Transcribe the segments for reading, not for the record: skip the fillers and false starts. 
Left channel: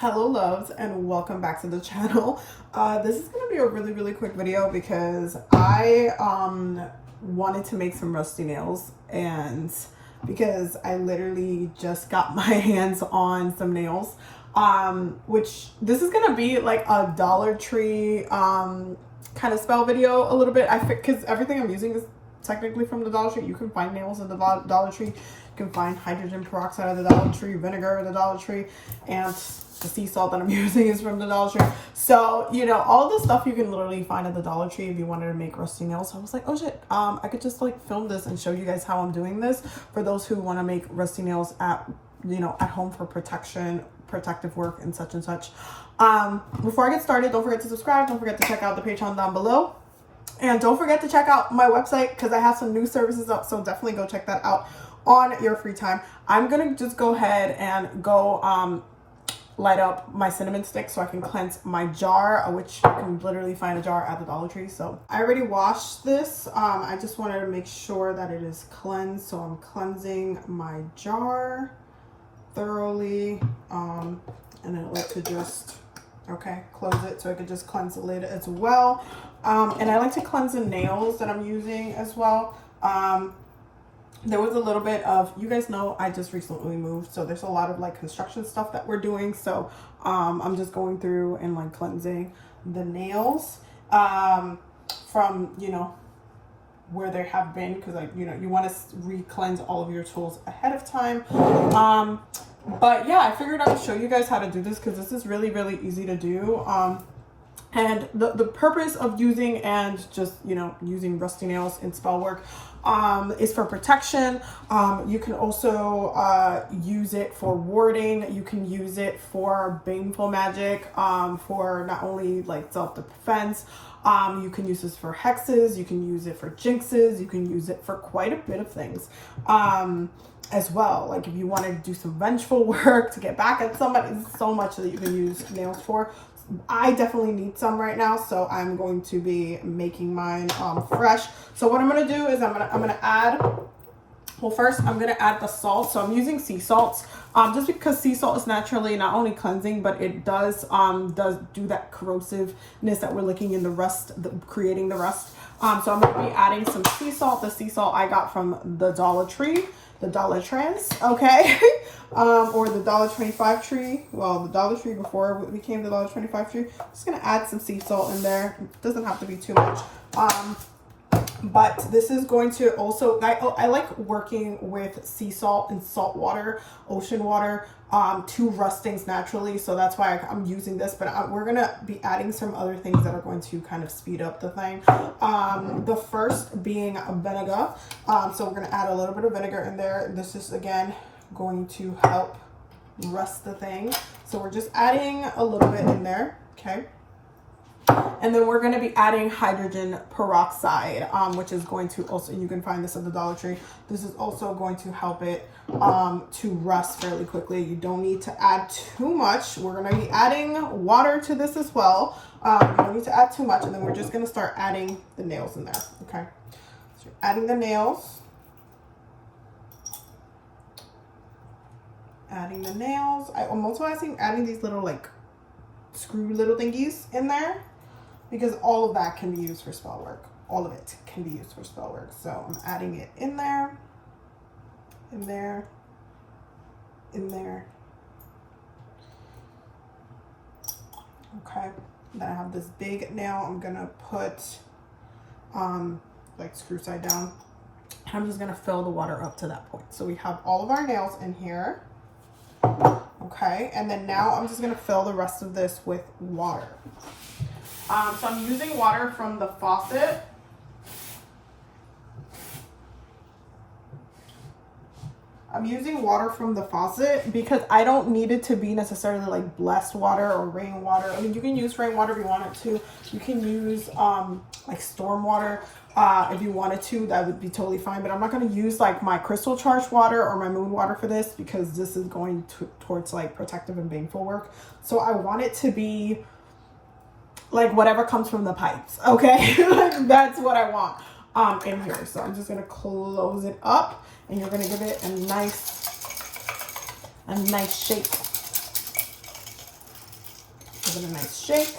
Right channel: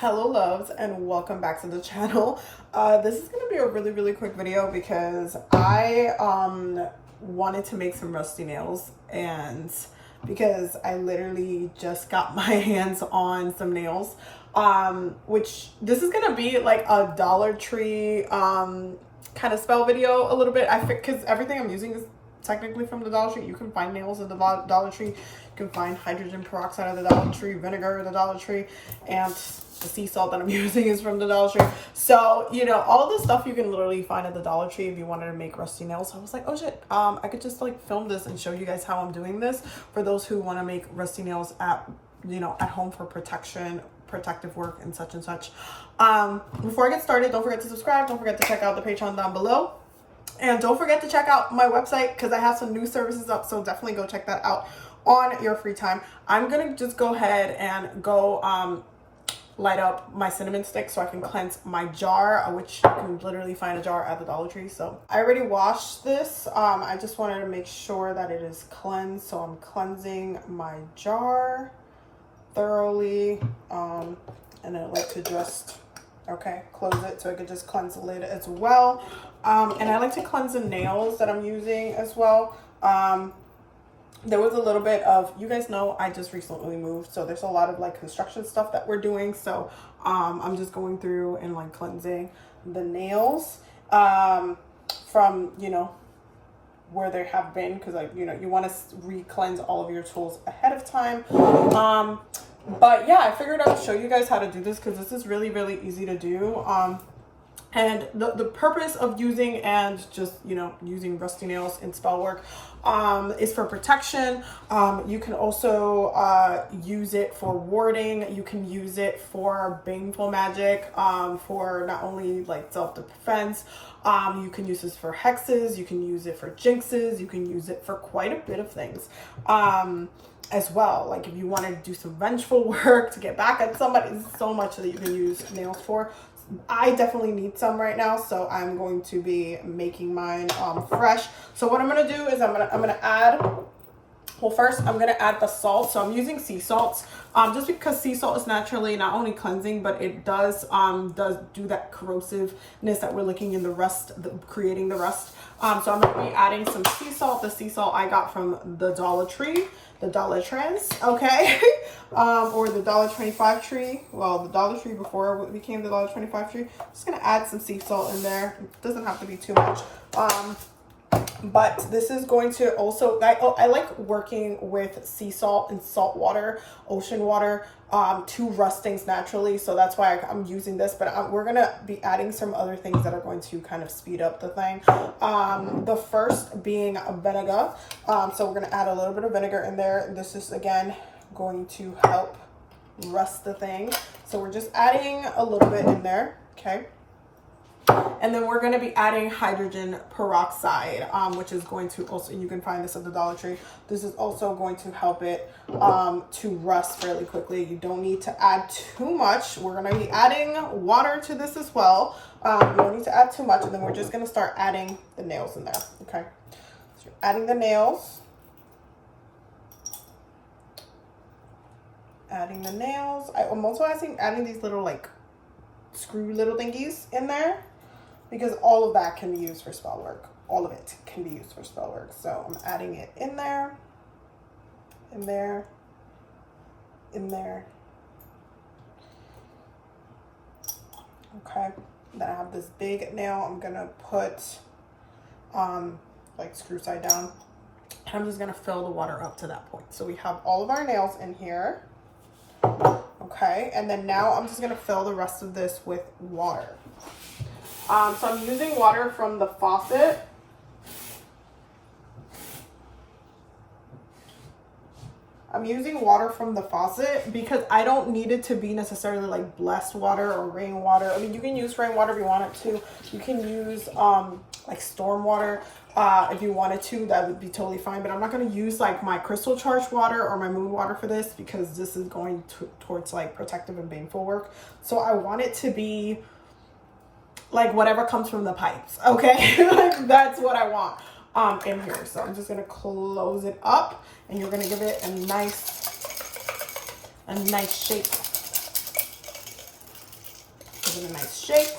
Hello loves and welcome back to the channel. This is gonna be a really quick video because I wanted to make some rusty nails, and because I literally just got my hands on some nails, which this is gonna be like a Dollar Tree kind of spell video a little bit. Because everything I'm using is technically from the Dollar Tree. You can find nails in the Dollar Tree. You can find hydrogen peroxide at the Dollar Tree, vinegar at the Dollar Tree, and the sea salt that I'm using is from the Dollar Tree. So, you know, all the stuff you can literally find at the Dollar Tree if you wanted to make rusty nails. So I was like, oh shit, I could just like film this and show you guys how I'm doing this for those who want to make rusty nails at, you know, at home for protection, protective work and such and such. Before I get started, don't forget to subscribe. Don't forget to check out the Patreon down below. And don't forget to check out my website because I have some new services up. So definitely go check that out on your free time. I'm going to just go ahead and go light up my cinnamon stick so I can cleanse my jar, which you can literally find a jar at the Dollar Tree. So I already washed this. I just wanted to make sure that it is cleansed. So I'm cleansing my jar thoroughly. And I like to just, close it so I could just cleanse the lid as well. And I like to cleanse the nails that I'm using as well. There was a little bit of, you guys know, I just recently moved, so there's a lot of like construction stuff that we're doing. So I'm just going through and like cleansing the nails from, you know, where they have been, because like, you know, you want to re-cleanse all of your tools ahead of time. But yeah, I figured I would show you guys how to do this because this is really easy to do. And the purpose of using and just, you know, using rusty nails in spell work is for protection. You can also use it for warding. You can use it for baneful magic, for not only like self-defense. You can use this for hexes. You can use it for jinxes. You can use it for quite a bit of things as well. Like if you want to do some vengeful work to get back at somebody, there's so much that you can use nails for. I definitely need some right now, so I'm going to be making mine fresh. So what I'm going to do is I'm going to add, well, first I'm going to add the salt. So I'm using sea salts just because sea salt is naturally not only cleansing, but it does do that corrosiveness that we're looking in the rust, creating the rust. So I'm going to be adding some sea salt. The sea salt I got from the Dollar Tree, the Dollar Trends, okay? Or the $1.25 tree. Well, the Dollar Tree before it became the $1.25 tree. I'm just gonna add some sea salt in there. It doesn't have to be too much. But this is going to also, I like working with sea salt and salt water, ocean water, to rust things naturally. So that's why I'm using this, but we're going to be adding some other things that are going to kind of speed up the thing. The first being vinegar. So we're going to add a little bit of vinegar in there. This is, again, going to help rust the thing. So we're just adding a little bit in there, okay? And then we're going to be adding hydrogen peroxide, which is going to also, you can find this at the Dollar Tree. This is also going to help it to rust fairly quickly. You don't need to add too much. We're going to be adding water to this as well. You don't need to add too much. And then we're just going to start adding the nails in there. Okay. So you're adding the nails. Adding the nails. I'm also adding these little like screw little thingies in there, because all of that can be used for spell work. All of it can be used for spell work. So I'm adding it in there, in there, in there. Okay. Then I have this big nail. I'm gonna put like screw side down. And I'm just gonna fill the water up to that point. So we have all of our nails in here. Okay, and then now I'm just gonna fill the rest of this with water. So I'm using water from the faucet. I'm using water from the faucet because I don't need it to be necessarily like blessed water or rainwater. I mean, you can use rainwater if you want it to. You can use like storm water. If you wanted to, that would be totally fine, but I'm not going to use like my crystal charged water or my moon water for this because this is going towards like protective and baneful work. So I want it to be like whatever comes from the pipes, okay? That's what I want in here. So I'm just going to close it up, and you're going to give it a nice shape. give it a nice shake.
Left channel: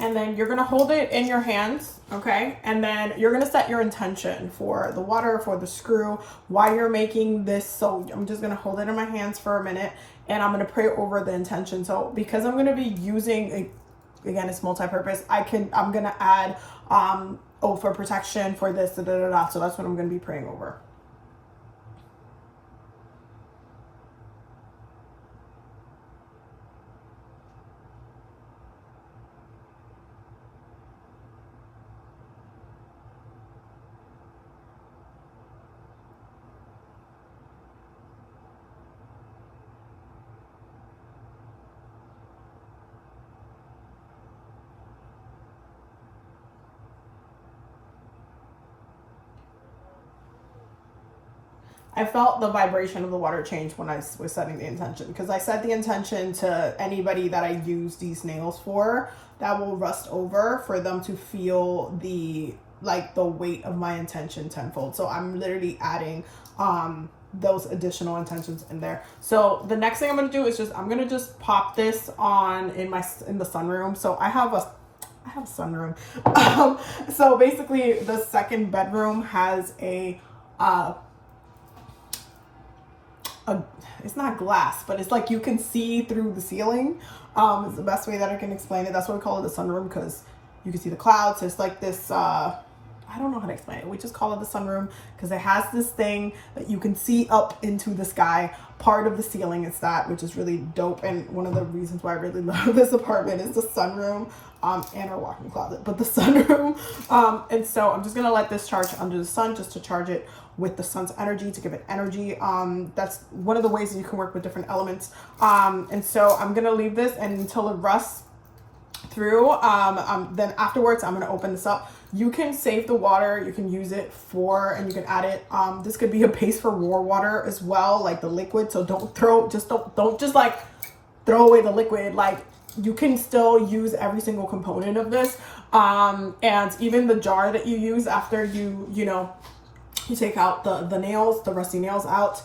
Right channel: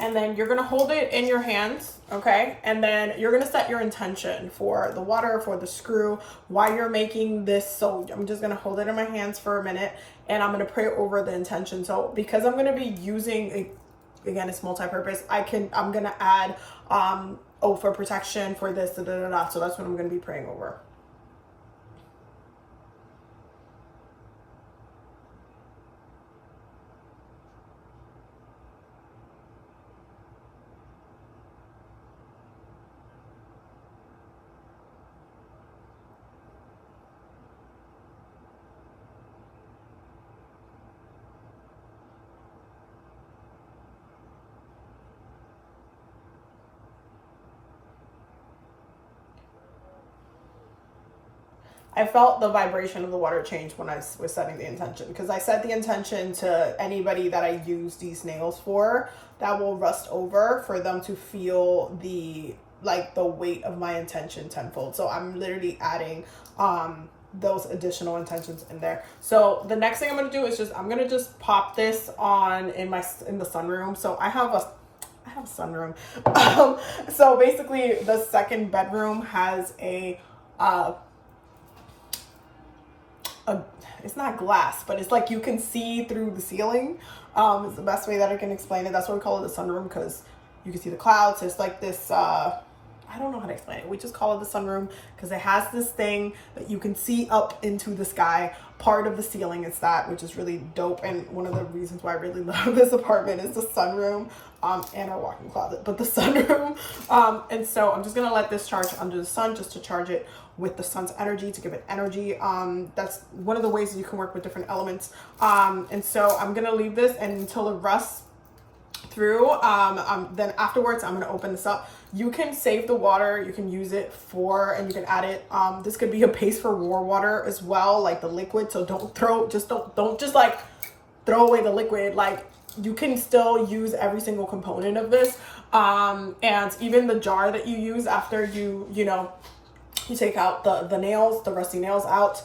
And then you're gonna hold it in your hands, okay? And then you're gonna set your intention for the water, for the screw, why you're making this. So I'm just gonna hold it in my hands for a minute and I'm gonna pray over the intention. So because I'm gonna be using, again, it's multi-purpose, I'm gonna add, for protection, for this, da, da, da, da. So that's what I'm gonna be praying over. I felt the vibration of the water change when I was setting the intention, because I set the intention to anybody that I use these nails for that will rust over, for them to feel the weight of my intention tenfold. So I'm literally adding those additional intentions in there. So the next thing I'm going to do is I'm going to just pop this on in the sunroom. So I have a sunroom. So basically the second bedroom has it's not glass, but it's like you can see through the ceiling. It's the best way that I can explain it. That's why we call it the sunroom, because you can see the clouds. It's like this, I don't know how to explain it. We just call it the sunroom because it has this thing that you can see up into the sky. Part of the ceiling is that, which is really dope. And one of the reasons why I really love this apartment is the sunroom, and our walk-in closet, but the sunroom. And so I'm just gonna let this charge under the sun, just to charge it with the sun's energy, to give it energy. That's one of the ways that you can work with different elements. And so I'm gonna leave this until it rusts through. Then afterwards, I'm gonna open this up. You can save the water, you can use it and you can add it. This could be a base for war water as well, like the liquid. So don't just like throw away the liquid. Like, you can still use every single component of this. And even the jar that you use after you take out the nails, the rusty nails out,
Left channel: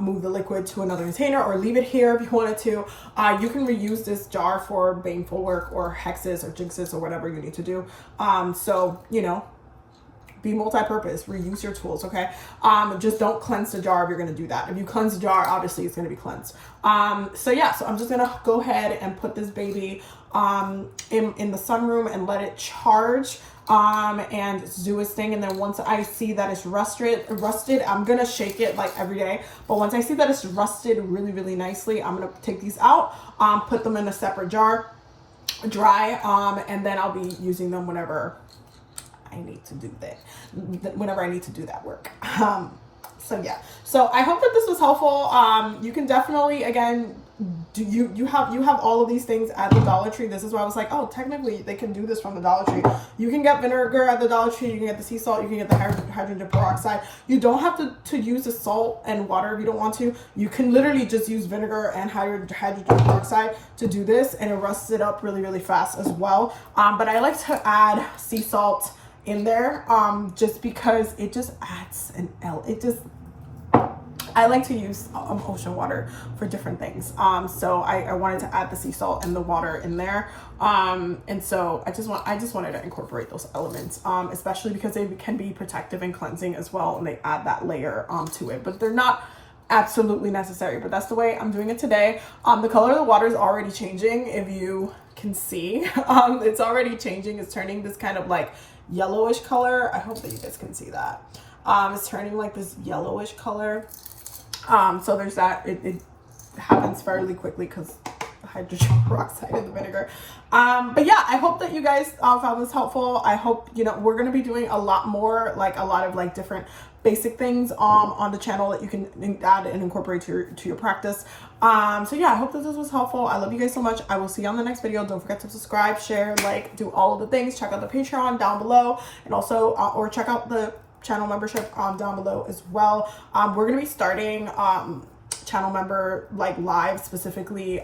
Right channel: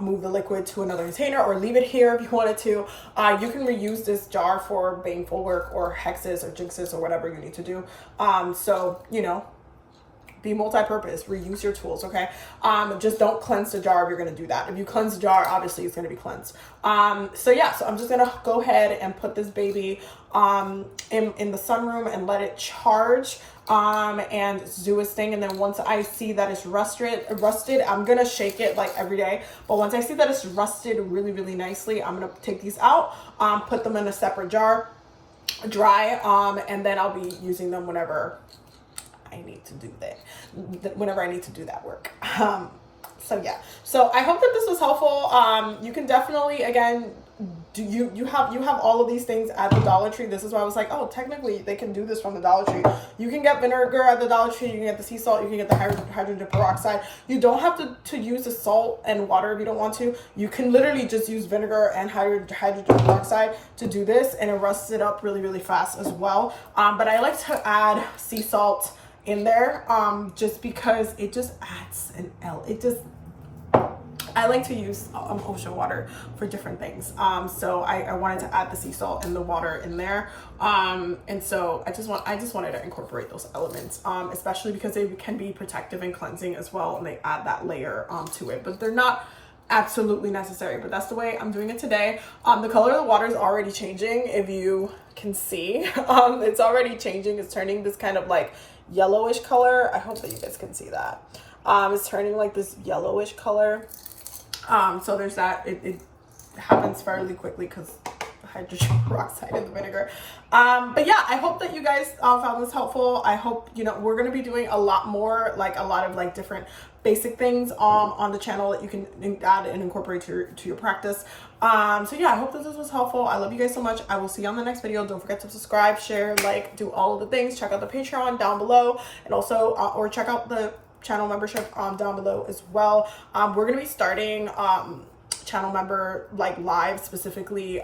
move the liquid to another container, or leave it here if you wanted to. You can reuse this jar for baneful work or hexes or jinxes or whatever you need to do. So, be multi-purpose, reuse your tools, okay? Just don't cleanse the jar if you're gonna do that. If you cleanse the jar, obviously it's gonna be cleansed. So yeah, so I'm just gonna go ahead and put this baby in the sunroom and let it charge. And do its thing. And then once I see that it's rusted, I'm gonna shake it like every day. But once I see that it's rusted really, really nicely, I'm gonna take these out, put them in a separate jar, dry, and then I'll be using them whenever I need to do that work. So yeah, so I hope that this was helpful. You can definitely, again, you have all of these things at the Dollar Tree. This is why I was like, oh, technically they can do this from the Dollar Tree. You can get vinegar at the Dollar Tree, you can get the sea salt, you can get the hydrogen peroxide. You don't have to use the salt and water if you don't want to. You can literally just use vinegar and hydrogen peroxide to do this, and it rusts it up really, really fast as well. But I like to add sea salt in there, just because it just adds I like to use ocean water for different things. So I wanted to add the sea salt and the water in there. And so I just wanted to incorporate those elements, especially because they can be protective and cleansing as well, and they add that layer to it, but they're not absolutely necessary. But that's the way I'm doing it today. The color of the water is already changing, if you can see. It's already changing. It's turning this kind of like yellowish color. I hope that you guys can see that. It's turning like this yellowish color. So there's that. It happens fairly quickly because the hydrogen peroxide and the vinegar. But yeah, I hope that you guys found this helpful. I hope, we're going to be doing a lot more, like a lot of like different basic things on the channel that you can add and incorporate to your practice. So yeah, I hope that this was helpful. I love you guys so much. I will see you on the next video. Don't forget to subscribe, share, like, do all of the things. Check out the Patreon down below, and also or check out the channel membership down below as well. We're gonna be starting channel member lives, specifically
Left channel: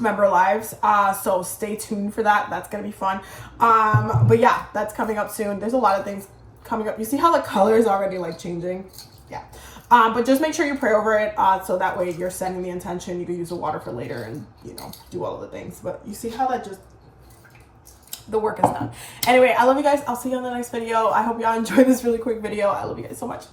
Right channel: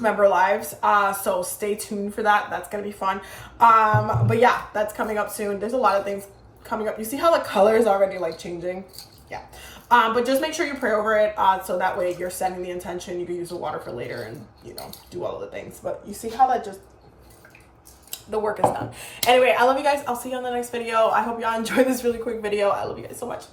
member lives, so stay tuned for that. That's gonna be fun. But yeah, that's coming up soon. There's a lot of things coming up. You see how the color is already like changing? Yeah. But just make sure you pray over it, so that way you're setting the intention. You can use the water for later and, you know, do all of the things. But you see how that just, the work is done. Anyway, I love you guys. I'll see you on the next video. I hope y'all enjoyed this really quick video. I love you guys so much.